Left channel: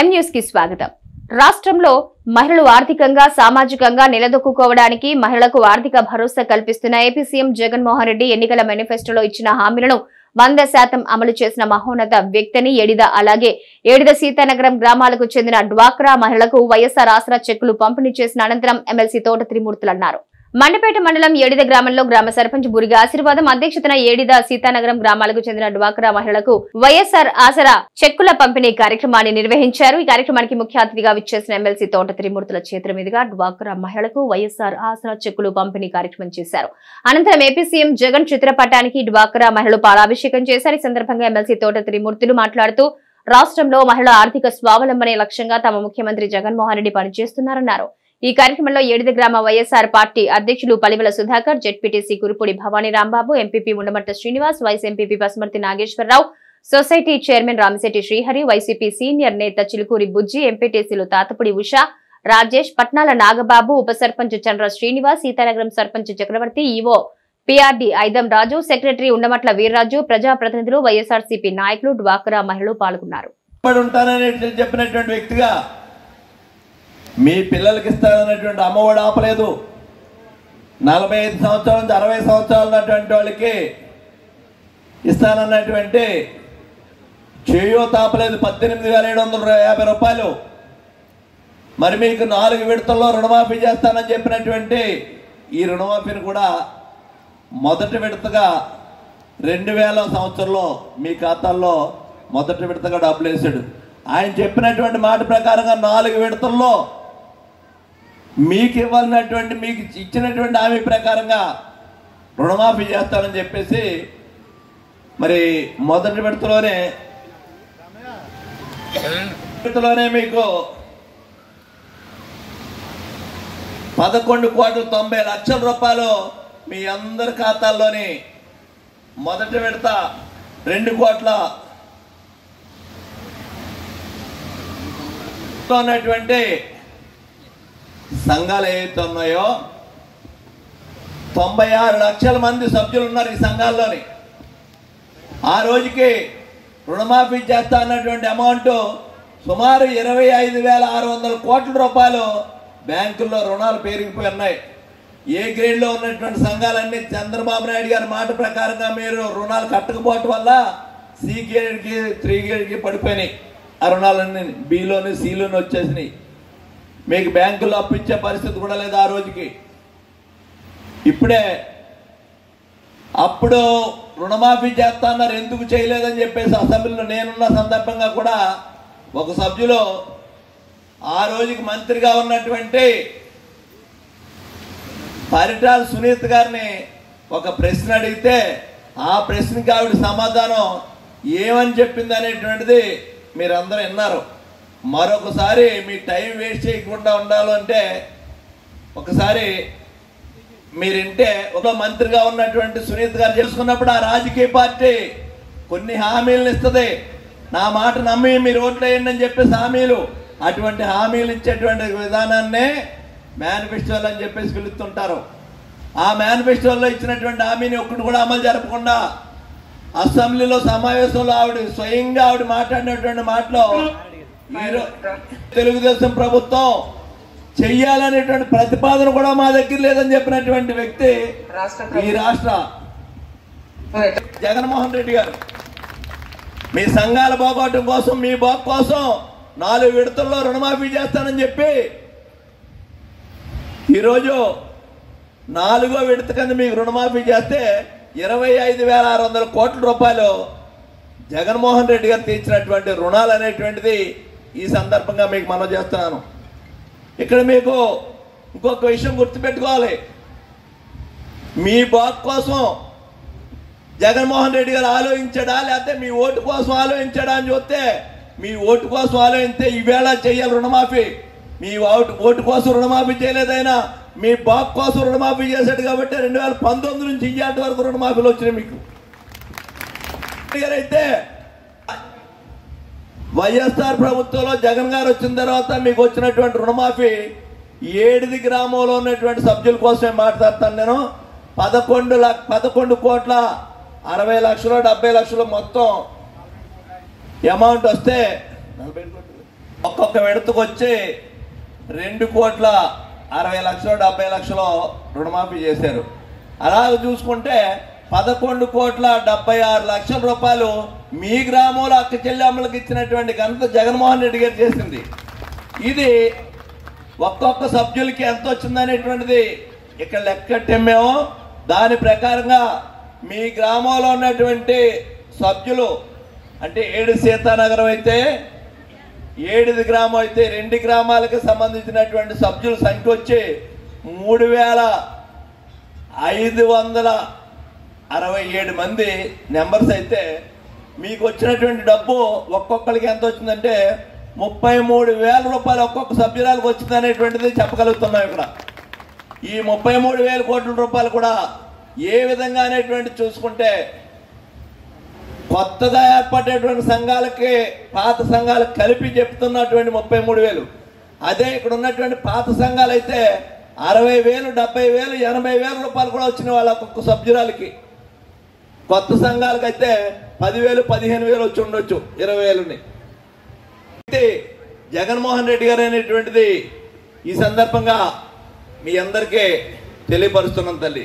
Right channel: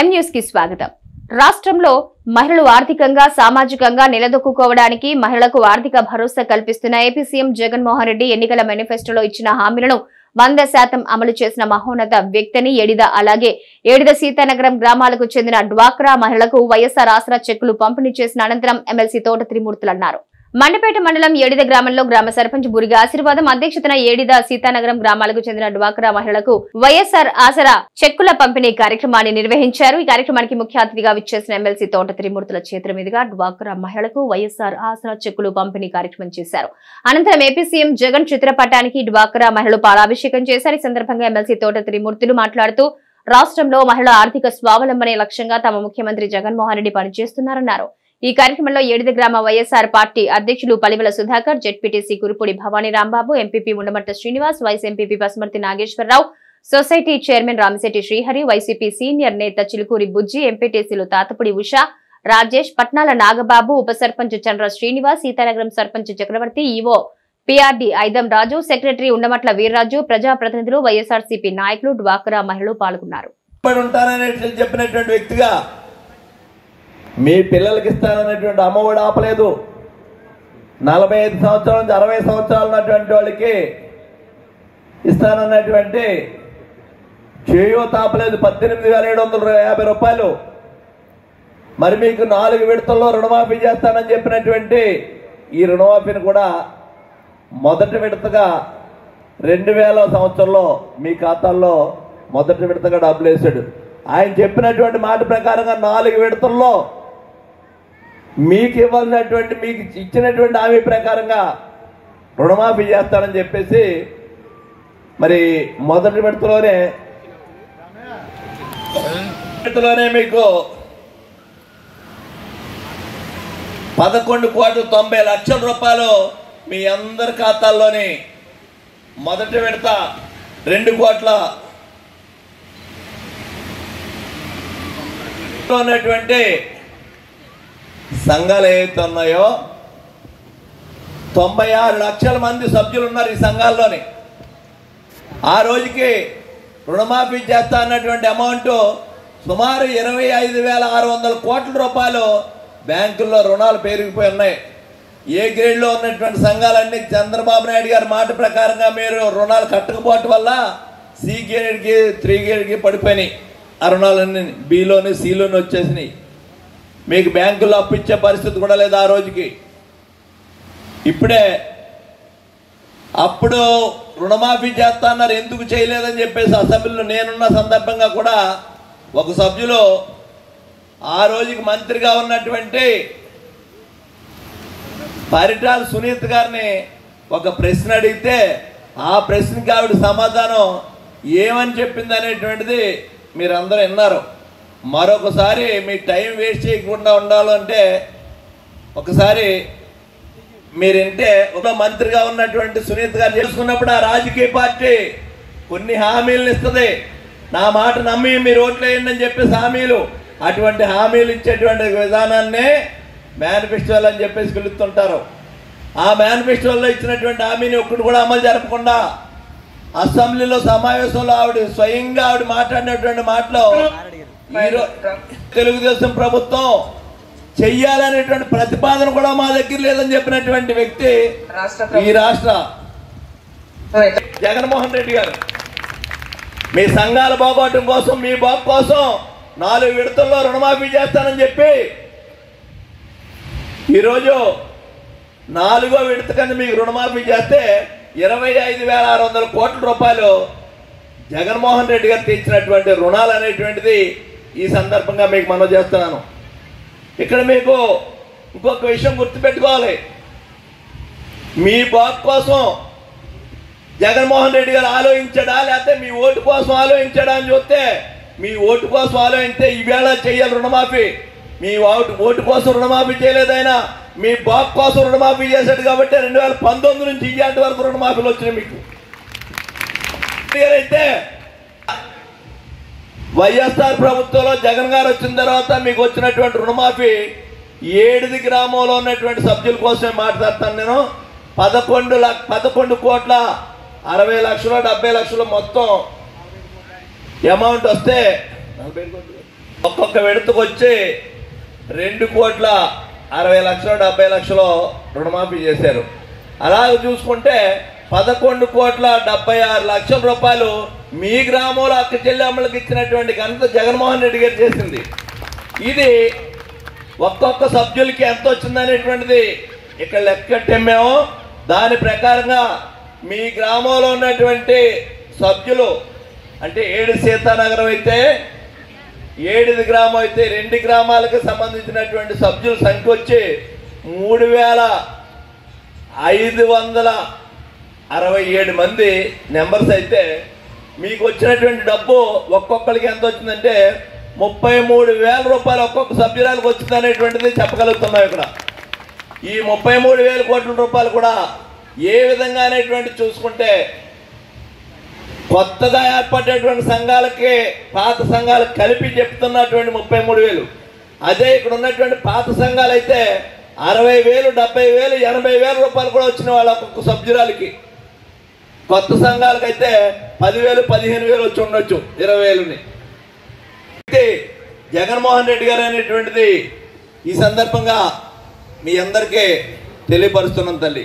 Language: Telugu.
ఎం న్యూస్ కి స్వాగతం. రాష్ట్రంలో మహిళలు ఆర్థికంగా సామాజికంగా నిలదొక్కుకోవడానికి మహిళలకు ఆర్థిక భరోసా కల్పిస్తున్న ఏపీ సీఎం జగన్మోహన్ రెడ్డి ఎన్నికల మేనిఫెస్టోలో ఇచ్చిన హామీలను 100% అమలు చేసిన మహోన్నత వ్యక్తిని ఏడిద అలాగే ఏడిద సీతానగరం గ్రామాలకు చెందిన డ్వాక్రా మహిళలకు వైఎస్ఆర్ ఆసరా చెక్కులు పంపిణీ చేసిన అనంతరం ఎమ్మెల్సీ తోట త్రిమూర్తులు అన్నారు. మండపేట మండలం ఏడిద గ్రామంలో గ్రామ సర్పంచ్ బురిగా ఆశీర్వాదం అధ్యక్షతన ఏడిద సీతానగరం గ్రామాలకు చెందిన డ్వాక్రా మహిళలకు వైఎస్ఆర్ ఆసరా చెక్కుల పంపిణీ కార్యక్రమాన్ని నిర్వహించారు. ఈ కార్యక్రమానికి ముఖ్య అతిథిగా విచ్చేసిన ఎమ్మెల్సీ తోట త్రిమూర్తుల చేతుల మీదుగా డ్వాక్రా మహిళలకు వైఎస్ఆర్ ఆసరా చెక్కులు పంపిణీ కార్యక్రమం చేశారు. అనంతరం ఏపీ సీఎం జగన్ చిత్రపటానికి డ్వాక్రా మహిళలు పాలాభిషేకం చేశారు. ఈ సందర్భంగా ఎమ్మెల్సీ తోట త్రిమూర్తులు మాట్లాడుతూ రాష్ట్రంలో మహిళల ఆర్థిక స్వావలంబనే లక్ష్యంగా తమ ముఖ్యమంత్రి జగన్మోహన్ రెడ్డి పనిచేస్తున్నారన్నారు. ఈ కార్యక్రమంలో ఏడిద గ్రామ వైఎస్ఆర్ పార్టీ అధ్యక్షులు Paliwela Sudhakar, ZPTC Kurupudi Bhavani Rambabu, MPP Undamatta Srinivas, vice MPP Pasumarthi Nageswararao, society chairman Ramisetti Srihari, YCP senior నేత చిలుకూరి బుజ్జి, ఎంపీటీసీలు తాతపుడి ఉషా, రాజేష్, పట్నాల నాగబాబు, ఉప సర్పంచ్ చంద్ర శ్రీనివాస్, సీతానగరం సర్పంచ్ చక్రవర్తి, ఈవో పీఆర్డీ ఐదం రాజు, సెక్రటరీ ఉండమట్ల వీర్రాజు, ప్రజాప్రతినిధులు, వైఎస్ఆర్సీపీ నాయకులు, డ్వాక్రా మహిళలు పాల్గొన్నారు. మీ పిల్లలకి ఇస్తానన్నటువంటి అమ్మఒడి ఆపలేదు. 45 సంవత్సరాల నుంచి 60 సంవత్సరాలు ఉన్నటువంటి వాళ్ళకి ఇస్తానన్నటువంటి చేయూత ఆపలేదు. 18,750 రూపాయలు. మరి మీకు 4 విడతల్లో రుణమాఫీ చేస్తానని చెప్పినటువంటి ఈ రుణమాఫీని కూడా మొదటి విడతగా 2000 సంవత్సరంలో మీ ఖాతాల్లో మొదటి విడతగా డబ్బులు వేసాడు. ఆయన చెప్పినటువంటి మాట ప్రకారంగా 4 విడతల్లో మీకు ఇవ్వాల్సినటువంటి మీకు ఇచ్చినటువంటి హామీ ప్రకారంగా రుణమాఫీ చేస్తానని చెప్పేసి మరి మొదటి విడతలోనే మీకు 11,90,00,000 రూపాయలు మీ అందరి ఖాతాల్లోని మొదటి విడత 2 కోట్ల ఉన్నటువంటి సంఘాలు ఏవైతే ఉన్నాయో 96 లక్షల మంది సభ్యులు ఉన్నారు ఈ సంఘాల్లోని. ఆ రోజుకి రుణమాఫీ చేస్తా అన్నటువంటి అమౌంట్ సుమారు 25,600 కోట్ల రూపాయలు బ్యాంకుల్లో రుణాలు పెరిగిపోయి ఉన్నాయి. ఏ గ్రేడ్లో ఉన్నటువంటి సంఘాలన్నీ చంద్రబాబు నాయుడు గారి మాట ప్రకారంగా మీరు రుణాలు కట్టకపోవటం వల్ల సి గ్రేడ్కి 3 గ్రేడ్కి పడిపోయినాయి. ఆ రుణాలన్నీ బిలోని సిలోని వచ్చేసినాయి. మీకు బ్యాంకుల్లో అప్పిచ్చే పరిస్థితి కూడా లేదు ఆ రోజుకి. ఇప్పుడే అప్పుడు రుణమాఫీ చేస్తా అన్నారు, ఎందుకు చేయలేదని చెప్పేసి అసెంబ్లీలో నేనున్న సందర్భంగా కూడా ఒక సభ్యులు ఆ రోజుకి మంత్రిగా ఉన్నటువంటి పరిటాల సునీత గారిని ఒక ప్రశ్న అడిగితే ఆ ప్రశ్నకి ఆవిడ సమాధానం ఏమని చెప్పింది అనేటువంటిది మీరందరూ విన్నారు. మరొకసారి మీ టైం వేస్ట్ చేయకుండా ఉండాలంటే ఒకసారి మీరింటే ఒక మంత్రిగా ఉన్నటువంటి సునీత గారు చేసుకున్నప్పుడు ఆ రాజకీయ పార్టీ కొన్ని హామీలను ఇస్తుంది. నా మాట నమ్మి మీరు ఓట్లు వేయండి అని చెప్పేసి హామీలు, అటువంటి హామీలు ఇచ్చేటువంటి విధానాన్నే మేనిఫెస్టోలు అని చెప్పేసి పిలుస్తుంటారు. ఆ మేనిఫెస్టోలో ఇచ్చినటువంటి హామీని ఒక్కటి కూడా అమలు జరపకుండా అసెంబ్లీలో సమావేశంలో స్వయంగా ఆవిడ మాట్లాడినటువంటి మాటలో తెలుగుదేశం ప్రభుత్వం చెయ్యాలనేటువంటి ప్రతిపాదన కూడా మా దగ్గర లేదని చెప్పినటువంటి వ్యక్తి ఈ రాష్ట్ర జగన్మోహన్ రెడ్డి గారు. మీ సంఘాల బాగోటం కోసం, మీ బాగు కోసం 4 విడతల్లో రుణమాఫీ చేస్తానని చెప్పి ఈరోజు 4వ విడత కింద మీకు రుణమాఫీ చేస్తే 25,600 కోట్ల రూపాయలు జగన్మోహన్ రెడ్డి గారు తీర్చినటువంటి రుణాలు అనేటువంటిది ఈ సందర్భంగా మీకు మనవి చేస్తున్నాను. ఇక్కడ మీకు ఇంకొక విషయం గుర్తుపెట్టుకోవాలి. మీ బాగు కోసం జగన్మోహన్ రెడ్డి గారు ఆలోచించాడా లేకపోతే మీ ఓటు కోసం ఆలోచించాడా అని చూస్తే, మీ ఓటు కోసం ఆలోచిస్తే ఈవేళ చేయాలి రుణమాఫీ. మీ ఓటు కోసం రుణమాఫీ చేయలేదు. ఆయన మీ బాగు కోసం రుణమాఫీ చేశాడు కాబట్టి 2019 నుంచి ఇయ్యాటి వరకు రుణమాఫీలు వచ్చినాయి మీకు. అయితే వైఎస్ఆర్ ప్రభుత్వంలో జగన్ గారు వచ్చిన తర్వాత మీకు వచ్చినటువంటి రుణమాఫీ ఏడిది గ్రామంలో ఉన్నటువంటి సభ్యుల కోసమే మాట్లాడతాను నేను. 11,60,70,00,000 మొత్తం అమౌంట్ వస్తే ఒక్కొక్క విడతకు వచ్చి 2,60,70,00,000 రుణమాఫీ చేశారు. అలాగే చూసుకుంటే 11,76,00,000 రూపాయలు మీ గ్రామంలో అక్క చెల్లెమ్మలకు ఇచ్చినటువంటి ఘనత జగన్మోహన్ రెడ్డి గారు చేసింది. ఇది ఒక్కొక్క సభ్యులకి ఎంత వచ్చిందనేటువంటిది ఇక్కడ లెక్కట్టేమేమో. దాని ప్రకారంగా మీ గ్రామంలో ఉన్నటువంటి సభ్యులు అంటే 7 సీతానగరం అయితే 7 గ్రామం అయితే 2 గ్రామాలకు సంబంధించినటువంటి సభ్యుల సంఖ్య వచ్చి 3,567 మంది నెంబర్స్ అయితే మీకు వచ్చినటువంటి డబ్బు ఒక్కొక్కరికి ఎంత వచ్చిందంటే 33,000 రూపాయలు ఒక్కొక్క సభ్యురాలకు వచ్చింది అనేటువంటిది చెప్పగలుగుతున్నాం. ఇక్కడ ఈ 33,000 కోట్ల రూపాయలు కూడా ఏ విధంగా అనేటువంటి చూసుకుంటే కొత్తగా ఏర్పడేటువంటి సంఘాలకి పాత సంఘాలకు కలిపి చెప్తున్నటువంటి 33,000. అదే ఇక్కడ ఉన్నటువంటి పాత సంఘాలు అయితే 60,000, 70,000, 80,000 రూపాయలు కూడా వచ్చిన వాళ్ళ ఒక్కొక్క సభ్యురాలకి. కొత్త సంఘాలకైతే 10,000, 15,000 వచ్చి ఉండొచ్చు, 20,000ని. జగన్మోహన్ రెడ్డి గారు అనేటువంటిది ఈ సందర్భంగా మీ అందరికీ తెలియపరుస్తున్నాం తల్లి.